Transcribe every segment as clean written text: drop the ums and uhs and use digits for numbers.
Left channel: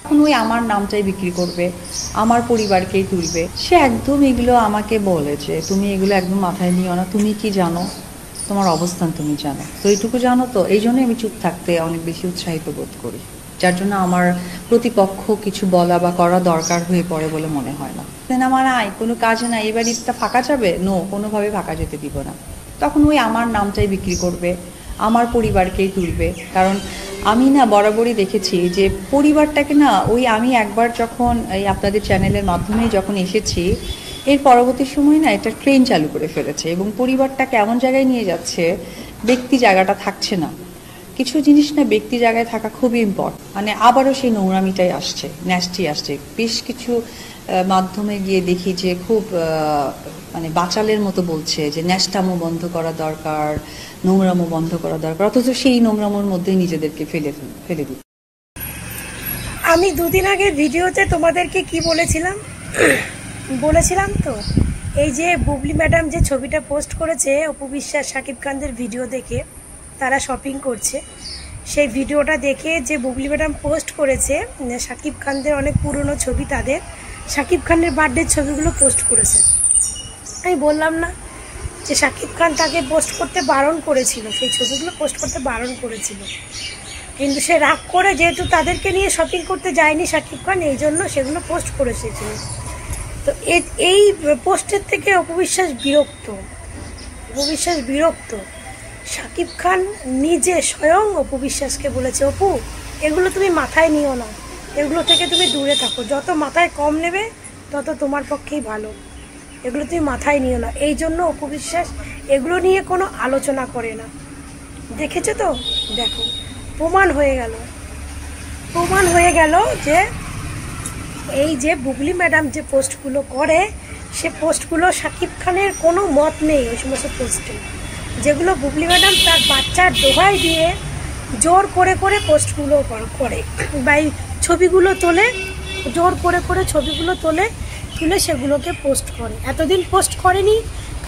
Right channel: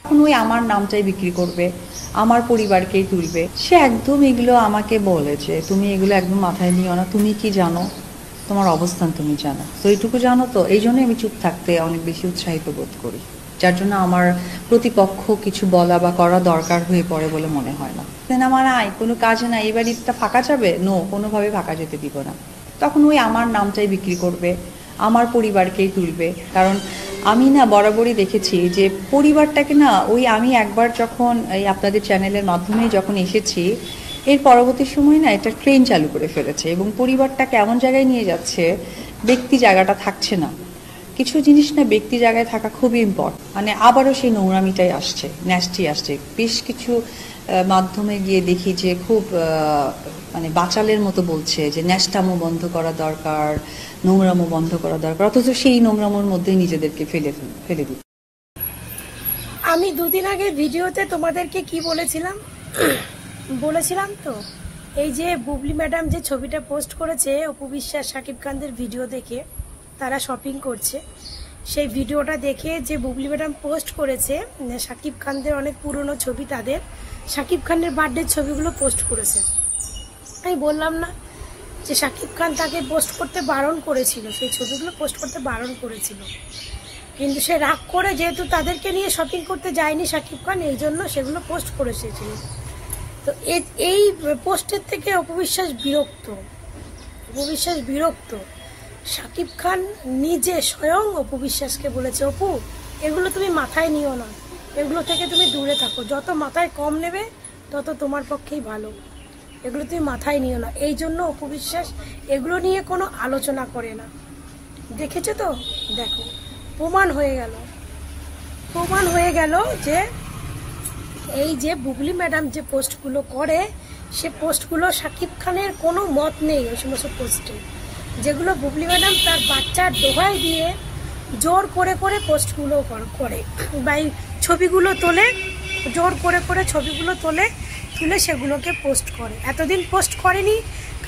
এখন ওই আমার নামটাই বিক্রি করবে, আমার পরিবারকেই তুলবে। সে একদম এগুলো আমাকে বলেছে, তুমি এগুলো একদম মাথায় নিও না, তুমি কি জানো, তোমার অবস্থান তুমি জানো তো, এইটুকু জানো তো। এই জন্যই আমি চুপ থাকতে অনেক বেশি উৎসাহিত বোধ করি, যার জন্য আমার প্রতিপক্ষ কিছু বলা বা করা দরকার হয়ে পড়ে বলে মনে হয় না। সিনেমা নাই, কোনো কাজ নাই, এবার ঈদটা ফাঁকা যাবে, নো, কোনোভাবে ফাঁকা যেতে দিব না। তখন ওই আমার নামটাই বিক্রি করবে, আমার পরিবারকেই তুলবে। কারণ আমি না বরাবরই দেখেছি যে পরিবারটাকে না, ওই আমি একবার যখন এই আপনাদের চ্যানেলের মাধ্যমে যখন এসেছি, এর পরবর্তী সময় না এটা ট্রেন চালু করে ফেলেছে এবং পরিবারটা কেমন জায়গায় নিয়ে যাচ্ছে, ব্যক্তি জায়গাটা থাকছে না। কিছু জিনিস না ব্যক্তি জায়গায় থাকা খুবই ইম্পর্টেন্ট। মানে আবারও সেই নোংরামিটাই আসছে, ন্যাস্টি আসছে। বেশ কিছু মাধ্যমে গিয়ে দেখি যে খুব মানে বাচালের মতো বলছে যে ন্যাস্টামো বন্ধ করা দরকার, নোংরামো বন্ধ করা দরকার, অথচ সেই নোংরামোর মধ্যেই নিজেদেরকে ফেলে দিচ্ছে। আমি দুদিন আগে ভিডিওতে তোমাদেরকে কি বলেছিলাম বলেছিলাম তো, এই যে বুবলি ম্যাডাম যে ছবিটা পোস্ট করেছে অপু বিশ্বাস শাকিব খানদের ভিডিও দেখে তারা শপিং করছে, সেই ভিডিওটা দেখে যে বুবলি ম্যাডাম পোস্ট করেছে শাকিব খানদের অনেক পুরনো ছবি, তাদের শাকিব খানের বার্থডের ছবিগুলো পোস্ট করেছে। আমি বললাম না যে শাকিব খান তাকে পোস্ট করতে বারণ করেছিল, সেই ছবিগুলো পোস্ট করতে বারণ করেছিল, কিন্তু সে রাগ করে যেহেতু তাদেরকে নিয়ে শপিং করতে যায়নি শাকিব খান, এই জন্য সেগুলো পোস্ট করেছে। তো এই পোস্টের থেকে অপু বিশ্বাস বিরক্ত। শাকিব খান নিজে স্বয়ং অপু বিশ্বাসকে বলেছে, অপু এগুলো তুমি মাথায় নিও না, এগুলো থেকে তুমি দূরে থাকো, যত মাথায় কম নেবে তত তোমার পক্ষেই ভালো, এগুলো তুমি মাথায় নিও না। এই জন্য অপু বিশ্বাস এগুলো নিয়ে কোনো আলোচনা করে না। দেখেছো তো, দেখো প্রমাণ হয়ে গেল যে এই যে বুবলি ম্যাডাম যে পোস্টগুলো করে, সে পোস্টগুলো শাকিব খানের কোনো মত নেই ওই সমস্ত পোস্টে, যেগুলো বুবলি ম্যাডাম তার বাচ্চার দোহাই দিয়ে জোর করে পোস্টগুলো করে বা এই ছবিগুলো তোলে, জোর করে ছবিগুলো তুলে সেগুলোকে পোস্ট করে। এতদিন পোস্ট করেনি,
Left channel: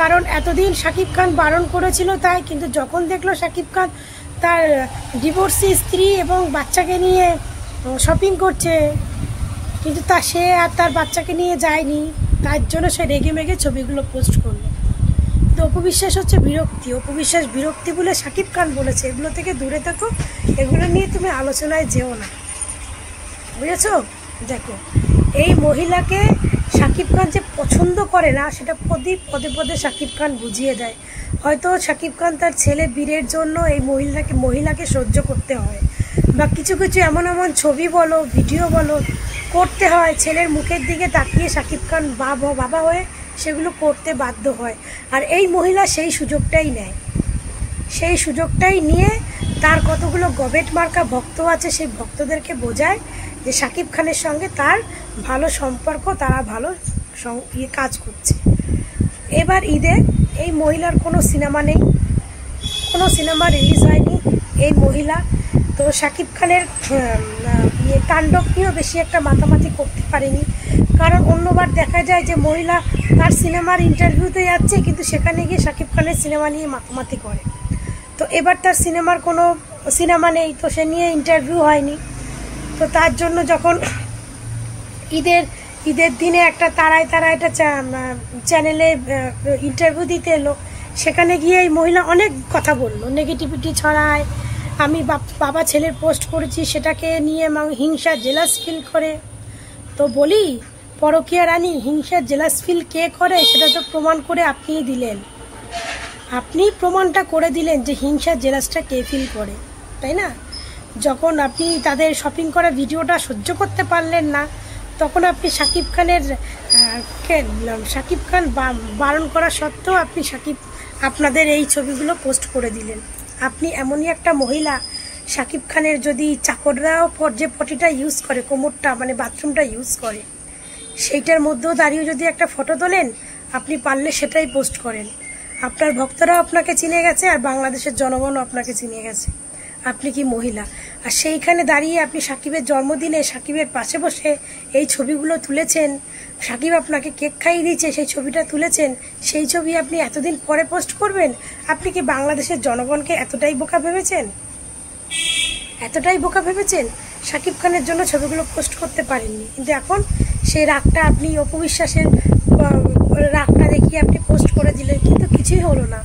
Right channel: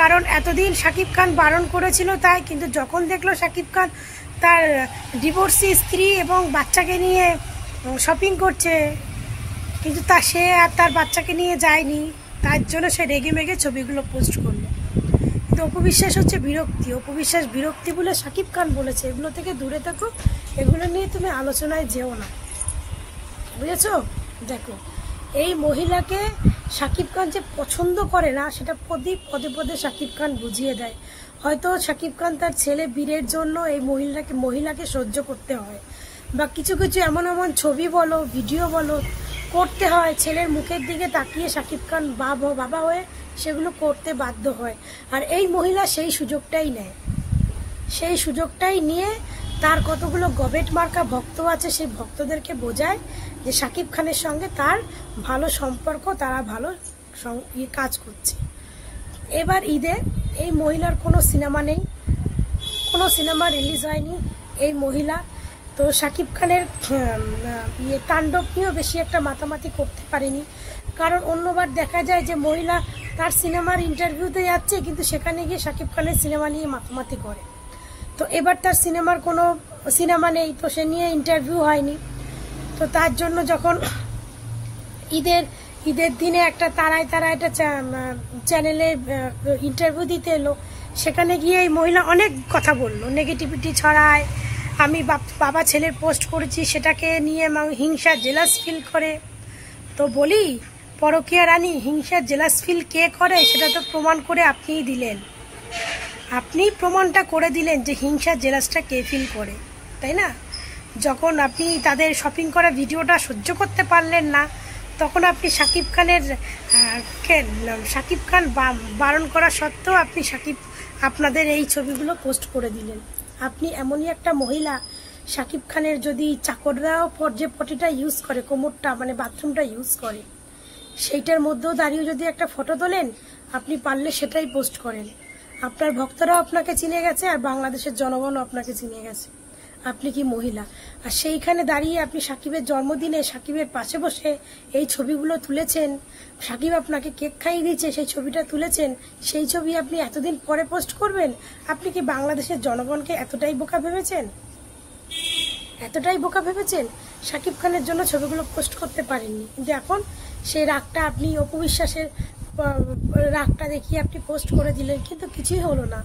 কারণ এতদিন শাকিব খান বারণ করেছিল তাই, কিন্তু যখন দেখলো শাকিব খান তার ডিভোর্সি স্ত্রী এবং বাচ্চাকে নিয়ে শপিং করছে, কিন্তু সে আর তার বাচ্চাকে নিয়ে যায়নি, তার জন্য সে রেগে মেগে ছবিগুলো পোস্ট করলো। কিন্তু অপু বিশ্বাস হচ্ছে বিরক্তি বলে শাকিব খান বলেছে এগুলো থেকে দূরে থাকো, এগুলো নিয়ে তুমি আলোচনায় যেও না, বুঝেছো? দেখো এই মহিলাকে শাকিব খান যে পছন্দ করে না সেটা পদে পদে শাকিব খান বুঝিয়ে দেয়। হয়তো শাকিব খান তার ছেলে বীরের জন্য এই মহিলাকে সহ্য করতে হয়, বা কিছু এমন ছবি বলো ভিডিও বলো করতে হয়, ছেলের মুখের দিকে তাকিয়ে শাকিব খান বাবা হয়ে সেগুলো করতে বাধ্য হয়। আর এই মহিলা সেই সুযোগটাই নিয়ে তার কতগুলো গবেট মার্কা ভক্ত আছে, সেই ভক্তদেরকে বোঝায় যে শাকিব খানের সঙ্গে তার ভালো সম্পর্ক, তারা ভালো কাজ করছে। এবার ঈদে এই মহিলার কোনো সিনেমা নেই, কোনো সিনেমা রিলিজ হয়নি এই মহিলা, তো শাকিব খানের তাণ্ডব নিয়েও বেশি একটা মাতামাতি করতে পারেনি। কারণ অন্যবার দেখা যায় যে মহিলা তার সিনেমার ইন্টারভিউতে যাচ্ছে, কিন্তু সেখানে গিয়ে শাকিব খানের সিনেমা নিয়ে মাতামাতি করে। তো এবার তার সিনেমার কোনো সিনেমা নেই, তো সে নিয়ে ইন্টারভিউ হয়নি। তো তার জন্য যখন ঈদের দিনে একটা তারায় একটা চ্যানেলে ইন্টারভিউ দিতে এলো, সেখানে গিয়ে এই মহিলা অনেক কথা বললো, নেগেটিভিটি ছড়ায়, আমি বাবা ছেলের পোস্ট করেছি সেটাকে নিয়ে হিংসা জেলাস ফিল করে। তো বলি পরকীয়া রানী হিংসা জেলাস ফিল কে করে সেটা তো প্রমাণ করে আপনিই দিলেন, আপনি প্রমাণটা করে দিলেন যে হিংসা জেলাসটা কে ফিল করে, তাই না? যখন আপনি তাদের শপিং করা ভিডিওটা সহ্য করতে পারলেন না, তখন আপনি শাকিব খান বারণ করা সত্ত্বেও আপনি আপনাদের এই ছবিগুলো পোস্ট করে দিলেন। আপনি এমনই একটা মহিলা, শাকিব খানের যদি চাকররাও যে পটিটা ইউজ করে, কোমরটা মানে বাথরুমটা ইউজ করে, সেইটার মধ্যেও দাঁড়িয়ে যদি একটা ফটো তোলেন, আপনি পারলে সেটাই পোস্ট করেন। আপনার ভক্তরাও আপনাকে চিনে গেছে, আর বাংলাদেশের জনগণও আপনাকে চিনে গেছে, আপনি কি মহিলা। আর সেইখানে দাঁড়িয়ে আপনি সাকিবের জন্মদিনে সাকিবের পাশে বসে এই ছবিগুলো তুলেছেন, সাকিব আপনাকে কেক খাইয়ে দিয়েছে, সেই ছবিটা তুলেছেন, সেই ছবি আপনি এতদিন পরে পোস্ট করবেন। আপনি কি বাংলাদেশের জনগণকে এতটাই বোকা ভেবেছেন? শাকিব খানের জন্য ছবিগুলো পোস্ট করতে পারেননি, কিন্তু এখন সেই রাগটা আপনি অপু বিশ্বাসের রাগটা দেখিয়ে আপনি পোস্ট করে দিলেন, কিন্তু কিছুই হলো না।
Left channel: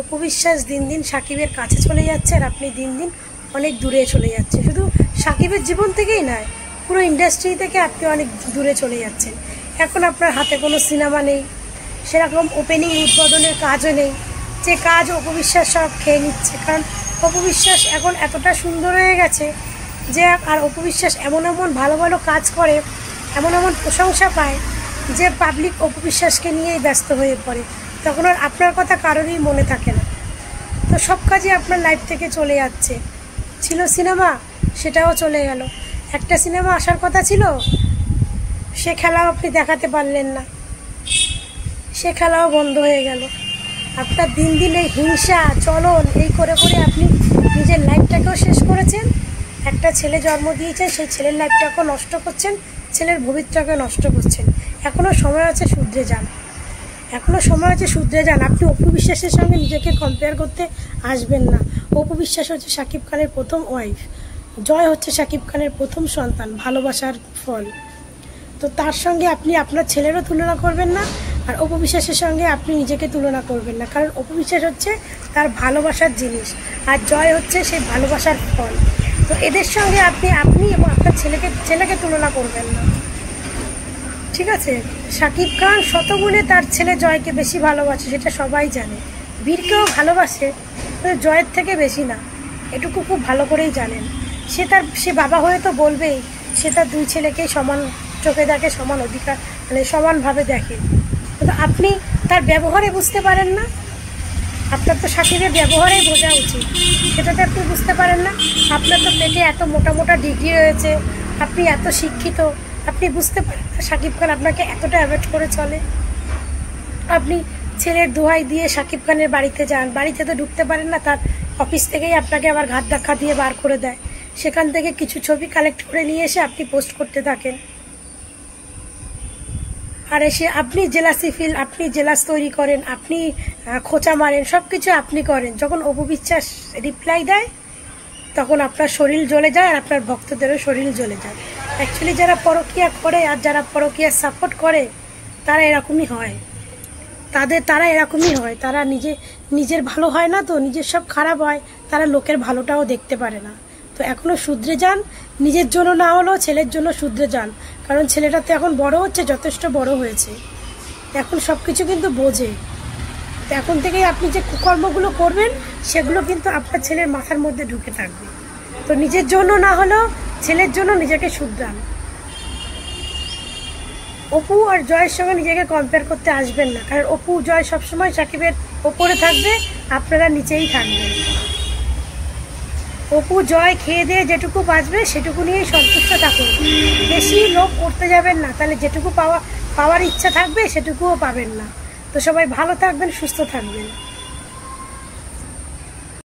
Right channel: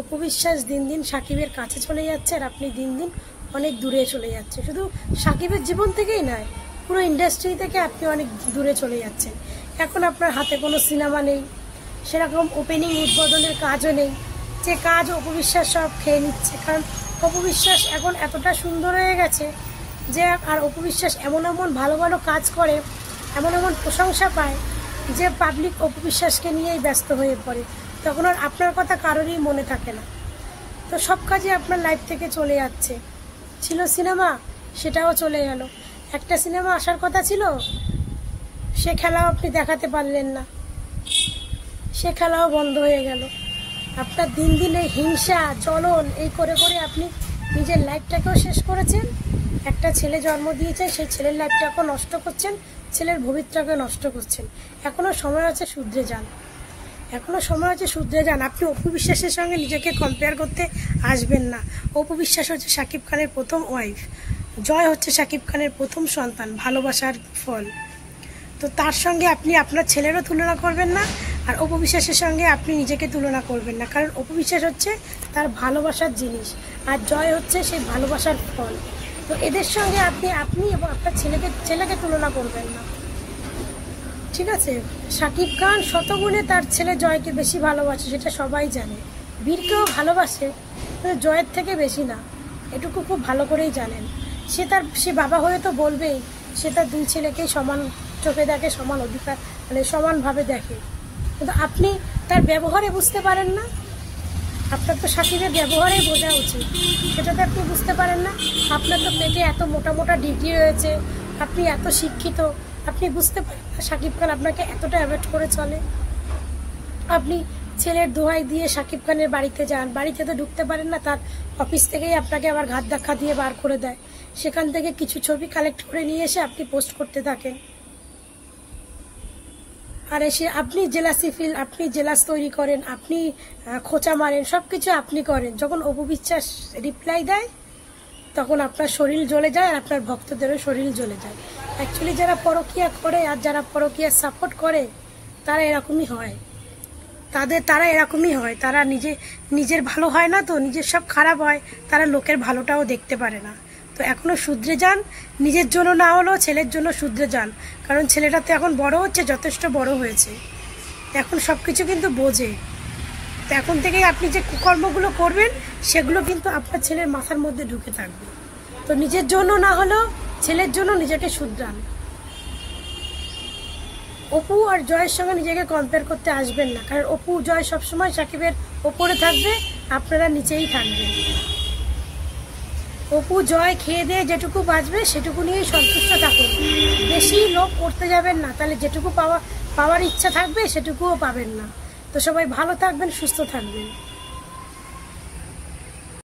অপু বিশ্বাস দিন দিন শাকিবের কাছে চলে যাচ্ছে, আর আপনি দিন দিন অনেক দূরে চলে যাচ্ছে। শুধু শাকিবের জীবন থেকেই নয়, পুরো ইন্ডাস্ট্রি থেকে আপনি অনেক দূরে চলে যাচ্ছেন। এখন আপনার হাতে কোনো সিনেমা নেই, সেরকম ওপেনিং উদ্বোধনের কাজও নেই, যে কাজ অপু বিশ্বাস সব খেয়ে নিচ্ছে। কারণ অপু বিশ্বাস এখন এতটা সুন্দর হয়ে গেছে যে, আর অপু বিশ্বাস এমন এমন ভালো ভালো কাজ করে, এমন এমন প্রশংসা পায় যে পাবলিক অপু বিশ্বাসকে নিয়েই ব্যস্ত হয়ে পড়ে, তখন আর আপনার কথা কারোরই মনে থাকে না। তো সব কাজই আপনার লাইফ থেকে চলে যাচ্ছে। ছিল সিনেমা, সেটাও চলে গেল। একটা সিনেমা আসার কথা ছিল, সে খেলাও আপনি দেখাতে পারলেন না, সে খেলাও বন্ধ হয়ে গেল। আপনার দিন দিন এই হিংসা চলন এই করে করে আপনি নিজের লাইফটাকেও শেষ করেছেন। একটা ছেলে জন্ম দিয়েছেন, সেই ছেলের লাইফটাকেও নষ্ট করছেন, ছেলের ভবিষ্যৎটাকে নষ্ট করছেন। এখনও সময় আছে, শুধরে যান, এখনও সময় আছে, শুধরে যান। আপনি অপু বিশ্বাসের সঙ্গে নিজেকে কম্পেয়ার করতে আসবেন না। অপু বিশ্বাস হচ্ছে শাকিব খানের প্রথম ওয়াইফ, জয় হচ্ছে শাকিব খানের প্রথম সন্তান, ভালোবাসার ফল। তো তার সঙ্গে আপনি আপনার ছেলেরও তুলনা করবেন না, আর অপু বিশ্বাসের সঙ্গে আপনি নিজেকে তুলনা করবেন না। কারণ অপু বিশ্বাস হচ্ছে তার ভালোবাসার জিনিস, আর জয় হচ্ছে সেই ভালোবাসার ফল। তো এদের সঙ্গে আপনি এবং আপনার ছেলেকে তুলনা করবেন না, ঠিক আছে? শাকিব খান শতগুণে তার ছেলে জয়কে বেশি ভালোবাসে, সেটা সবাই জানে। বীরকেও ভালোবাসে, কিন্তু জয়ের থেকে বেশি না, এটুকু খুব ভালো করেই জানেন। সে বাবা হয়ে তো বলবেই, সে তার দুই ছেলেকেই সমান চোখে দেখে, সমান অধিকার, মানে সমানভাবে দেখে। কিন্তু আপনি তার ব্যবহারে বুঝতে পারেন না। আপনার তো শাকিবের ব্যবহারেই বোঝা উচিত, সেটাতে আপনি বুঝতে পারেন না। আপনার তো পেটে এত মোটা মোটা ডিগ্রি রয়েছে, আপনি এত শিক্ষিত, আপনি বুঝতে পারেন না শাকিব খান আপনাকে এতটা অ্যাভয়েড করে চলে। আপনি ছেলের দোহাই দিয়ে শাকিব খানের বাড়িতে যান, বাড়িতে তো ঢুকতে পারেন না, তার অফিস থেকেই আপনাকে আবার ঘাট ধাক্কা দিয়ে বার করে দেয়। সেখান থেকে কিছু ছবি কালেক্ট করে নিয়ে এসে আপনি পোস্ট করতে থাকেন, আর এসে আপনি জেলাসি ফিল, আপনি জেলাস তৈরি করেন, আপনি খোঁচা মারেন, সব কিছু আপনি করেন। যখন অপু বিশ্বাস রিপ্লাই দেয়, তখন আপনার শরীর জ্বলে যায়, আর আপনার ভক্তদেরও শরীর জ্বলে যায়। অ্যাকচুয়ালি যারা পরকীয়া করে আর যারা পরকীয়া সাপোর্ট করে, তারা এরকমই হয়, তারা এরকমই হয়। তারা নিজের ভালো হয় না, তো নিজের সব খারাপ হয়, তারা লোকের ভালোটাও দেখতে পারে না। তো এখনো শুধরে যান, নিজের জন্য না হলেও ছেলের জন্য শুধরে যান। কারণ ছেলেটা তো এখন বড় হচ্ছে, যথেষ্ট বড় হয়েছে, এখন সব কিছু কিন্তু বোঝে। তো এখন থেকেই আপনি যে কুকর্মগুলো করবেন, সেগুলো কিন্তু আপনার ছেলের মাথার মধ্যে ঢুকে থাকবে। তো নিজের জন্য না হলেও ছেলের জন্য নিজেকে শুধরান। অপু আর জয়ের সঙ্গে নিজেকে কম্পেয়ার করতে আসবেন না, কারণ অপু জয় সবসময় শাকিবের ওপরে থাকবে, আপনারা নিচেই থাকবেন। অপু জয় খেয়ে দিয়ে যেটুকু বাঁচবে সেটুকু নিয়েই সন্তুষ্ট থাকুন, বেশি লোভ করতে যাবেন না, তাহলে যেটুকু পাওয়ার ইচ্ছা থাকবে সেটুকুও পাবেন না। তো সবাই ভালো থাকবেন, সুস্থ থাকবেন।